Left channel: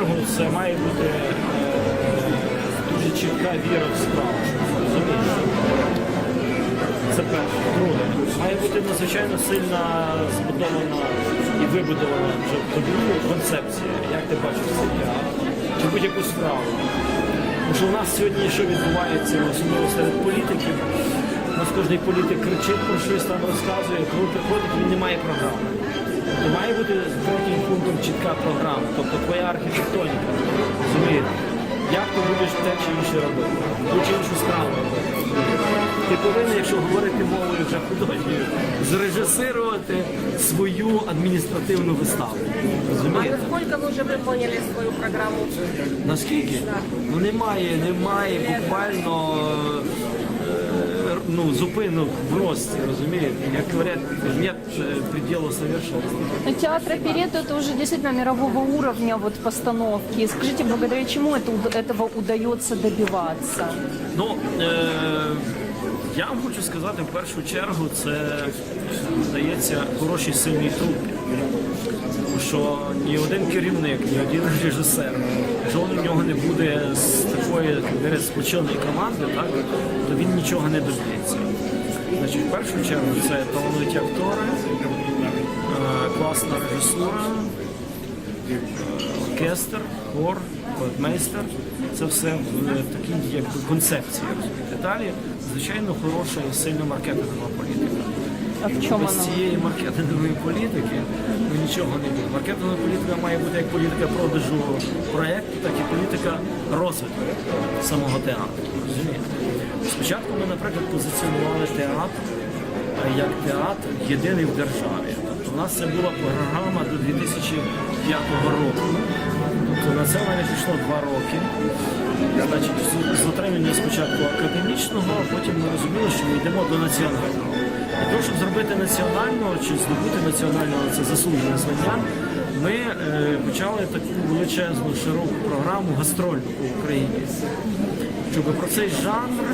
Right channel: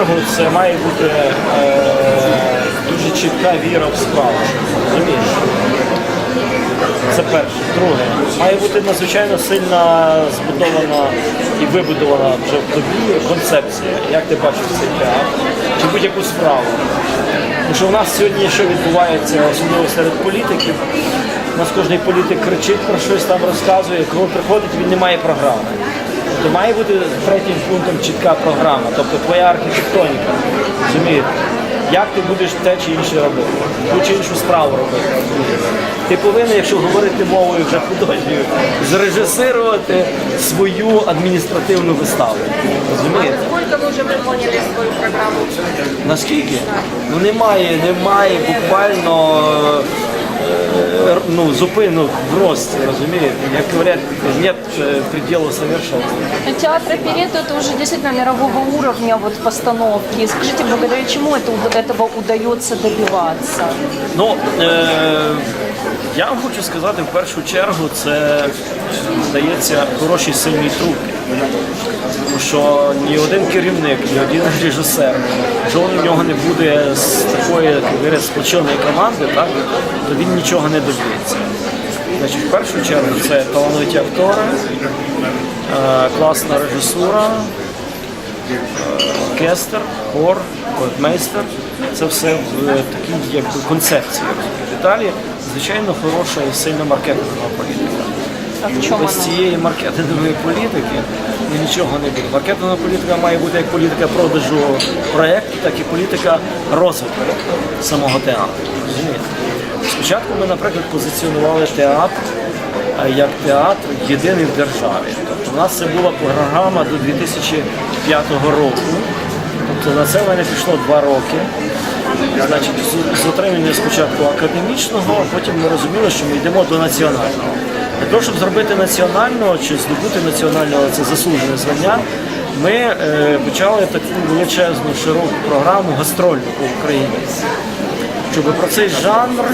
чергу це має бути е, дуже чітка віра в справу. Розумієш? Це перше. Друге, має бути надзвичайно сильна збудована і вибудована вже в тобі концепція, як ти бачиш цей театр, чи будь-яку справу. Тому що у нас сьогодні що відбувається, особливо серед політиків. У нас кожен політик кричить про щось там розказує, коли приходить, він не має програми. Тобто має бути третім пунктом чітка програма, тобто твоя архітектоніка. Розумієте? Як ти будеш те чи інше робити, ту чи іншу справу робити. розумієте? Ти повинен, якщо говорити мовою вже художньою, зрежисирувати свою адміністративну виставу. Розумієте? Сколько вы уже выполнили свою программу? Наскільки? Ну немає, немає буквально ну, зупинок в рості, розумієте? Як говорять, нет е, предела совершенства. Театр оперетты это уже действительно мирового уровня вот постановки. Скажите, благодаря чему это, уд- этого удается добиваться? Ну, е, я вам хочу сказати, в першу чергу, це здається хороший сильний труп. Тому що ні один керівник, ні один режисер, жоден в нього не буде з такої, як сплоченої команди, так, то він нічого не доб'ється. Значить, в першу чергу це талановиті актори, е, класна режисура, оркестр, хор, майстер. Це все в е, такій якби концепції. Далі, звичайно, хороша і сильна маркетингова політика. В чому Без цієї маркетингової політики ну, нічого не буде. Маркетингова політика має бути як політика продажу проєкту, так і політика розвитку самого театру. Розумієте? Спочатку ми, наприклад, позиціонували театр е, як театр єдиний в державі. Тобто у нас це була програма до 2005 року. Тобто на це в мене пішло два роки. Значить, з отримання спочатку академічного, а потім ми розуміли, що ми йдемо до національного. Для того, щоб зробити національного чи здобути національного це заслужене звання, ми е, почали таку величезну широку програму гастрольну по Україні. Щоб про цей жанр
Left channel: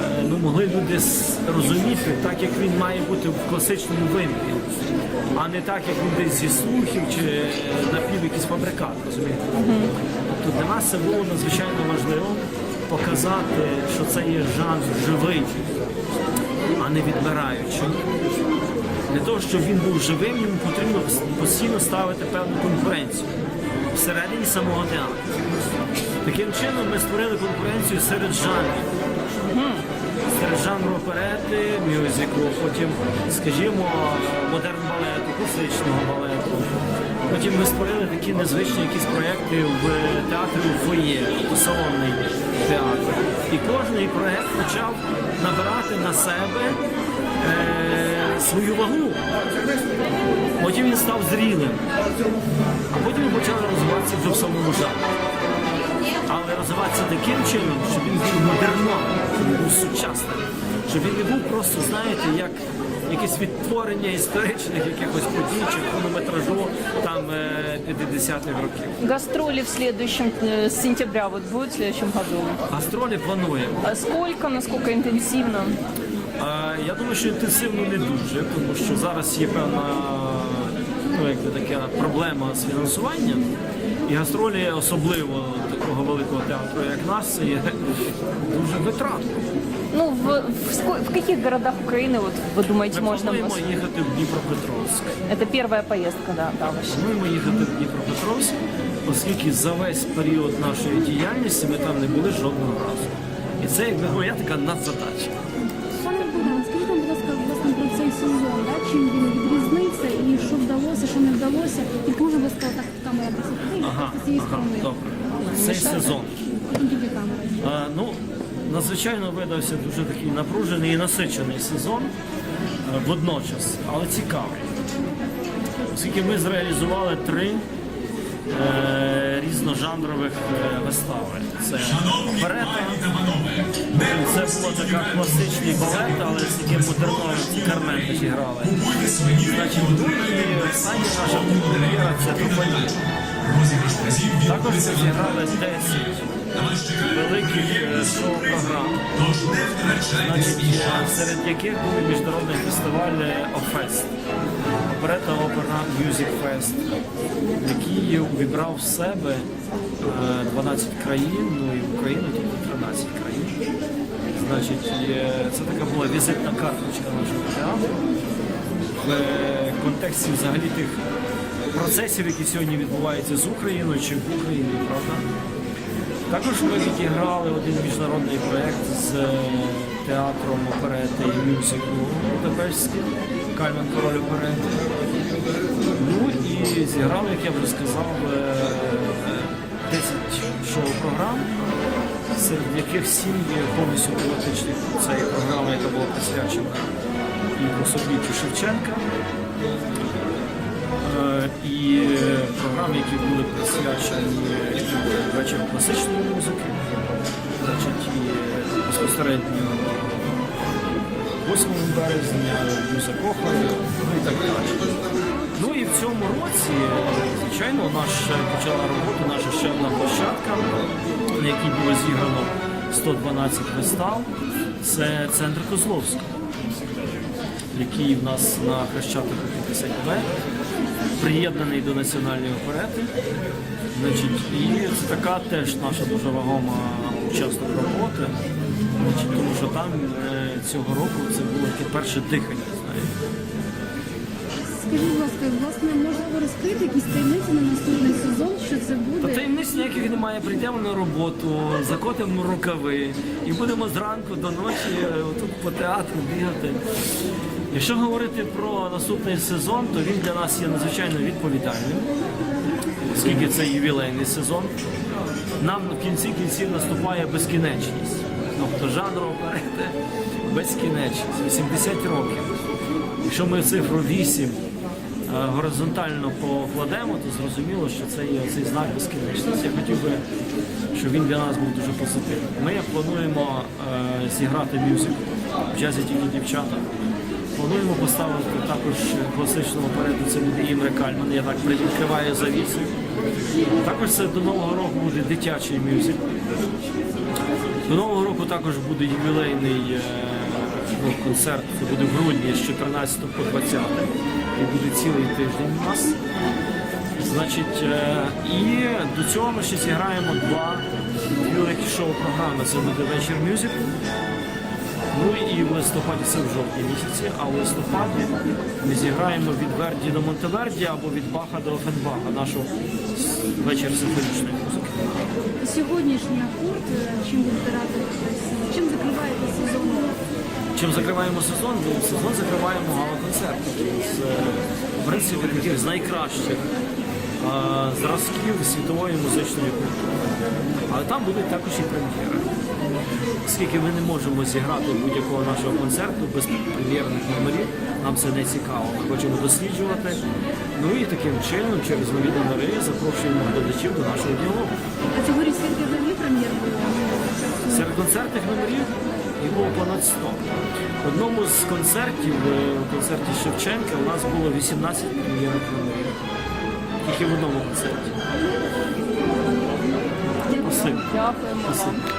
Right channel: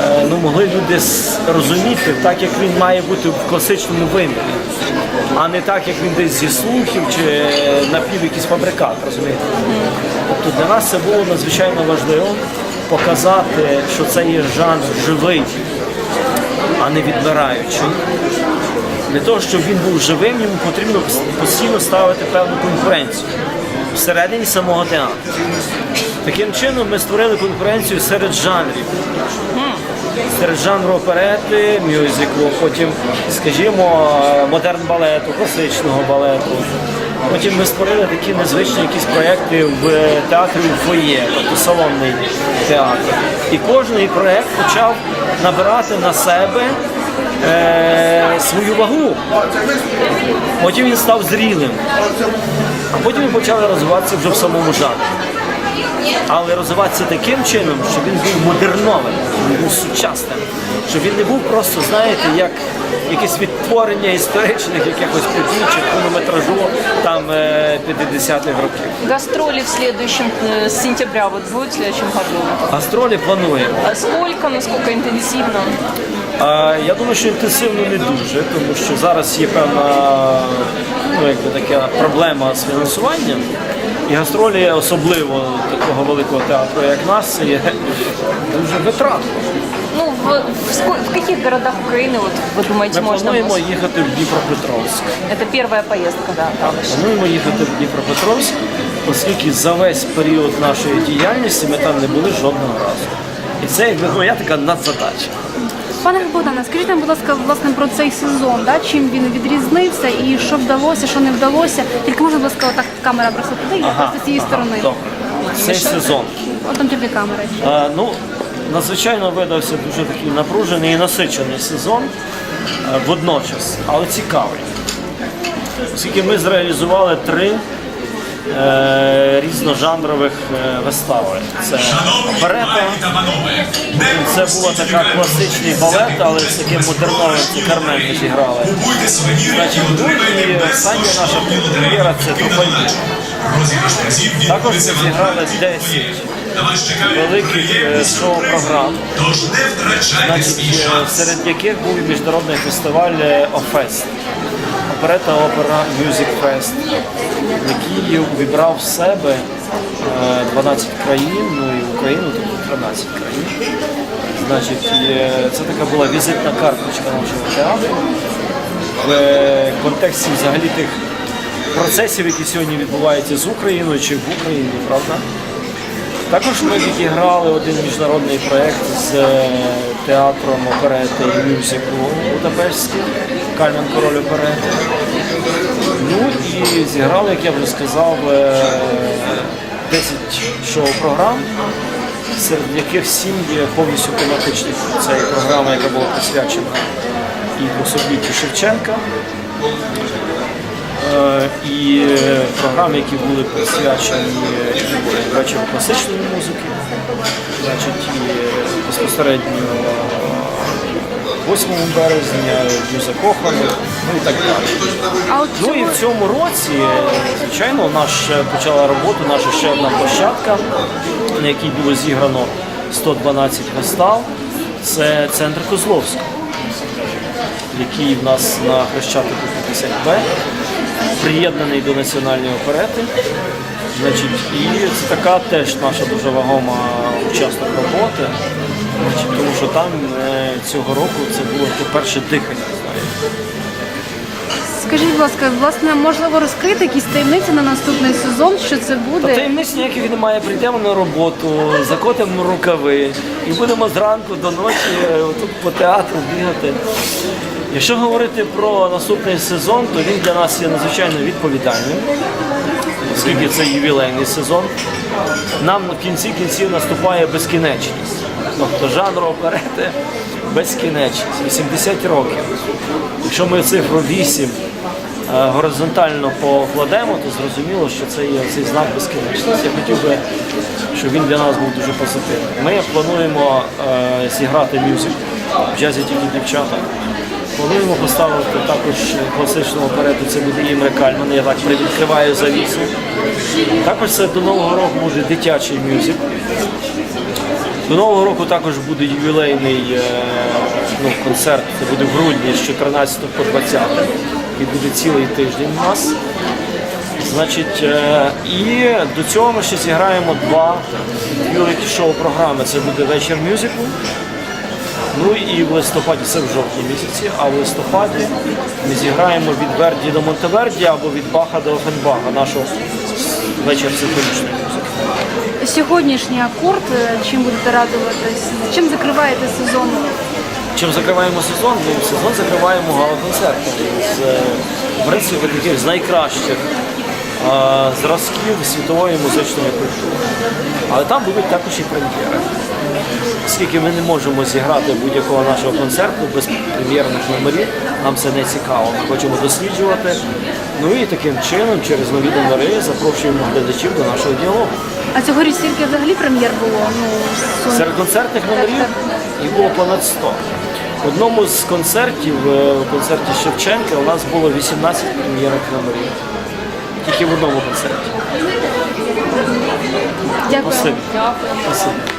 е, ну, могли люди розуміти так, як він має бути в класичному вимірі, а не так, як він десь зі слухів чи напів якийсь фабрикат, розумієте? Тобто для нас це було надзвичайно важливо показати, що це є жанр живий, а не відмираючий. Для того, щоб він був живим, йому потрібно постійно ставити певну конкуренцію всередині самого театру. Таким чином ми створили конкуренцію серед жанрів. Серед жанру оперети, мюзиклу, потім, скажімо, модерн балету, класичного балету. Потім ми створили такі незвичні якісь проєкти в театрі у фоє, тобто салонний театр. І кожен проєкт почав набирати на себе е, свою вагу. Потім він став зрілим. А потім він почали розвиватися вже в самому жанрі. Але розвиватися таким чином, щоб він був модерновим, був сучасним, щоб він не був просто, знаєте, як якесь відтворення історичних якихось подій чи хронометражу там е, 50-х років. Гастроли в следующем, с сентября вот будет в следующем году. Гастролі плануємо. А сколько, насколько интенсивно? Я думаю, що інтенсивно не дуже, тому що зараз є певна ну, якби така проблема з фінансуванням. І гастролі, особливо такого великого театру, як нас, це є дуже витратно. Ну, в, в, ско- в каких городах Украины, вот вы думаете, Ми можно... плануємо вас- їхати в Дніпропетровськ. Это первая поездка, да, да, ваша. Плануємо їхати в Дніпропетровськ, оскільки за весь період нашої діяльності ми там не були жодного разу. І це якби моя така надзадача. Пане Богдане, скажіть нам, будь ласка, власне про цей сезон, да? чим він відрізнився і що вдалося, що не вдалося. Тільки можна, будь ласка, отак камера просто туди, і просто з цієї сторони. добре. Цей сезон. От там камери. А, ну, надзвичайно видався дуже такий напружений і насичений сезон водночас, але цікавий. Оскільки ми зреалізували три е, різножанрових е, вистави. Це оперета, це була така класичний балет, але з таким модерновим це Кармен ми зіграли. Значить, ну і остання наша прем'єра це Трофальні. Також ми зіграли 10 великих е, шоу-програм, значить, серед яких був і міжнародний фестиваль Офест. Оперета Опера Music Fest, який увібрав в себе е, 12 країн, ну і Україну, тобто 13 країн. Значить, це така була візитна карточка нашого театру в е, контексті взагалі тих процесів, які сьогодні відбуваються з Україною чи в Україні, правда? Також ми відіграли один міжнародний проєкт з е, театром оперети і мюзиклу Будапештським, Кальман Король оперети. Ну і зіграли, як я вже сказав, е, 10 шоу-програм, серед яких 7 є повністю тематичних. Це і програма, яка була присвячена і 200-літтю Шевченка, Е, і е, програми, які були присвячені і вечору класичної музики, значить, і безпосередньо е, 8 березня, Дню закоханих, ну і так далі. Ну і в цьому році, звичайно, наш е, почала роботу наша ще одна площадка, на якій було зіграно 112 вистав. Це центр Козловського, який в нас на Хрещатику 50Б, приєднаний до національної оперети. Значить, і це така теж наша дуже вагома учасник роботи, значить, тому що там е, цього року це було перше дихання. Скажіть, будь ласка, власне, можливо, розкрити якісь таємниці на наступний сезон, що це Та буде? таємниць ніяких немає. Прийдемо на роботу, закотимо рукави і будемо зранку до ночі е, тут по театру бігати. Якщо говорити про наступний сезон, то він для нас є надзвичайно відповідальним, оскільки це ювілейний сезон. Нам в кінці кінців наступає безкінечність. Тобто жанр оперети безкінечність, 80 років. Якщо ми цифру 8 е, горизонтально покладемо, то зрозуміло, що це є цей знак безкінечності. Я хотів би, щоб він для нас був дуже позитивний. Ми плануємо е, зіграти мюзикл в джазі тільки дівчата. Плануємо поставити також класичну оперету, це буде Імре Кальман, я так привідкриваю завісу. Також це до Нового року буде дитячий мюзикл. До Нового року також буде ювілейний е, ну, концерт, це буде в грудні з 14 по 20 і буде цілий тиждень у нас. Значить, е, і до цього ми ще зіграємо два великі шоу-програми. Це буде вечір мюзиклу. Ну і в листопаді, це в жовтні місяці, а в листопаді ми зіграємо від Верді до Монтеверді або від Баха до Офенбаха, нашу вечір симфонічної музики. Сьогоднішній акорд, е, чим будете радуватись? Чим закриваєте сезон? Чим закриваємо сезон? Ну, сезон закриваємо гала-концертом з е, в принципі таких з найкращих е, зразків світової музичної культури. Але там будуть також і прем'єри. Оскільки ми не можемо зіграти будь-якого нашого концерту без прем'єрних номерів, нам це не цікаво. Ми хочемо досліджувати. Ну і таким чином, через нові номери, запрошуємо глядачів до нашого діалогу. А цьогоріч скільки взагалі прем'єр було? Ну, Серед концертних номерів їх було понад 100. В одному з концертів, е, у концерті Шевченка, у нас було 18 прем'єрних номерів. Тільки в одному концерті. Дякую. Спасибо. Дякуємо. Спасибо.